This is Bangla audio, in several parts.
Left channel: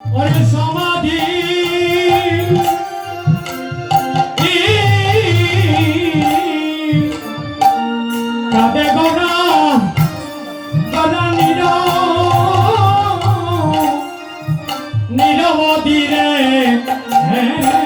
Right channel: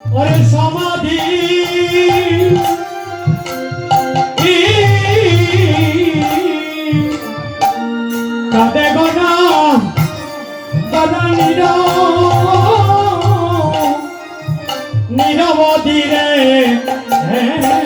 ওরে সমাধি। কাঁদে গোনা গোনা নীরব নীরব ধীরে হ্যাঁ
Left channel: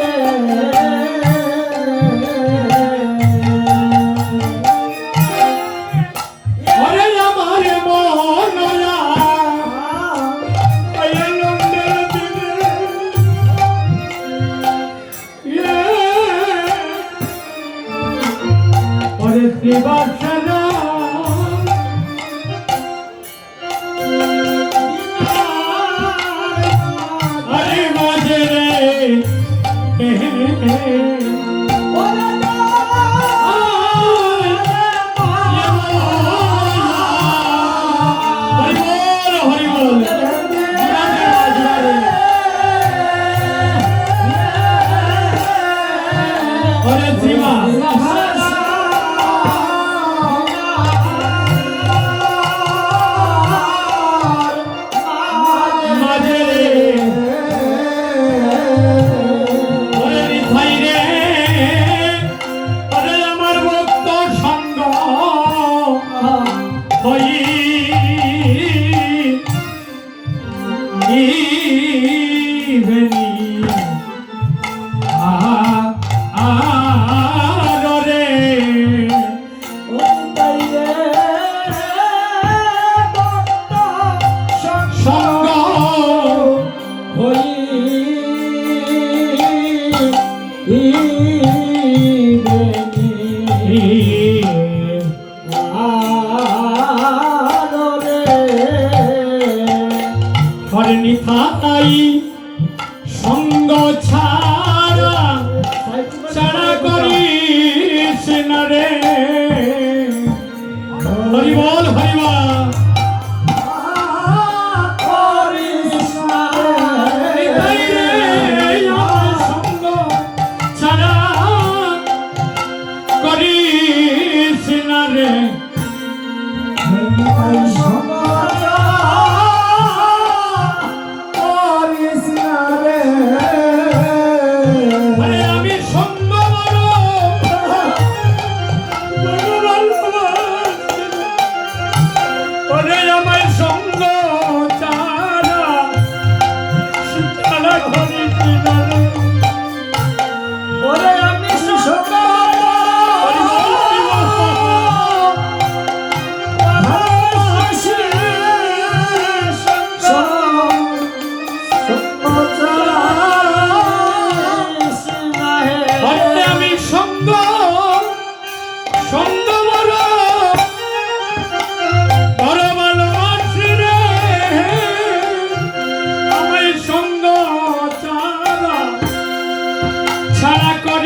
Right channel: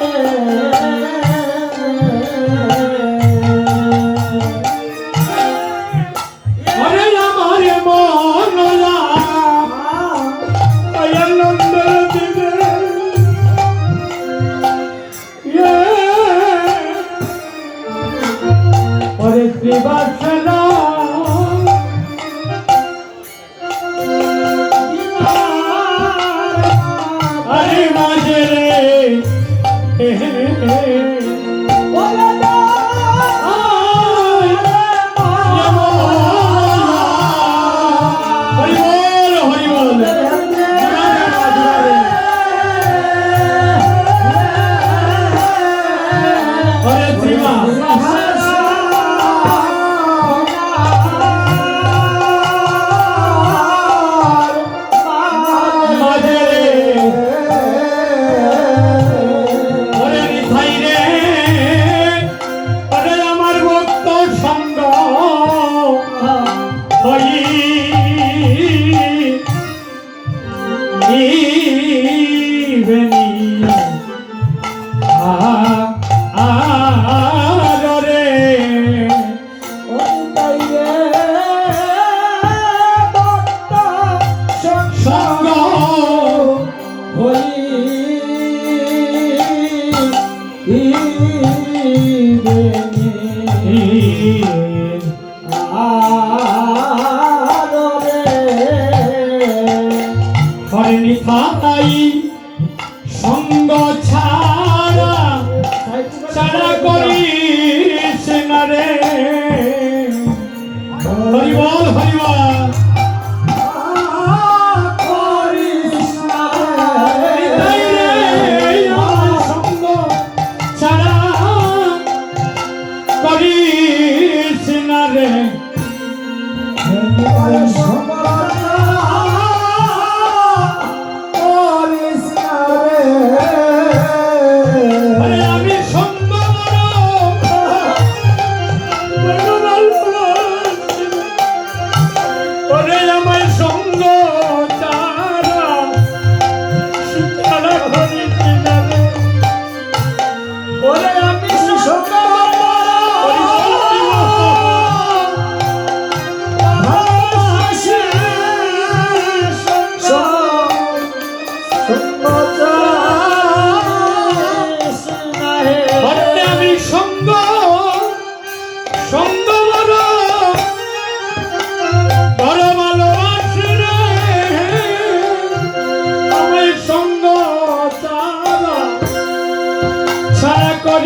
Yeah. sair করে আমার সঙ্গ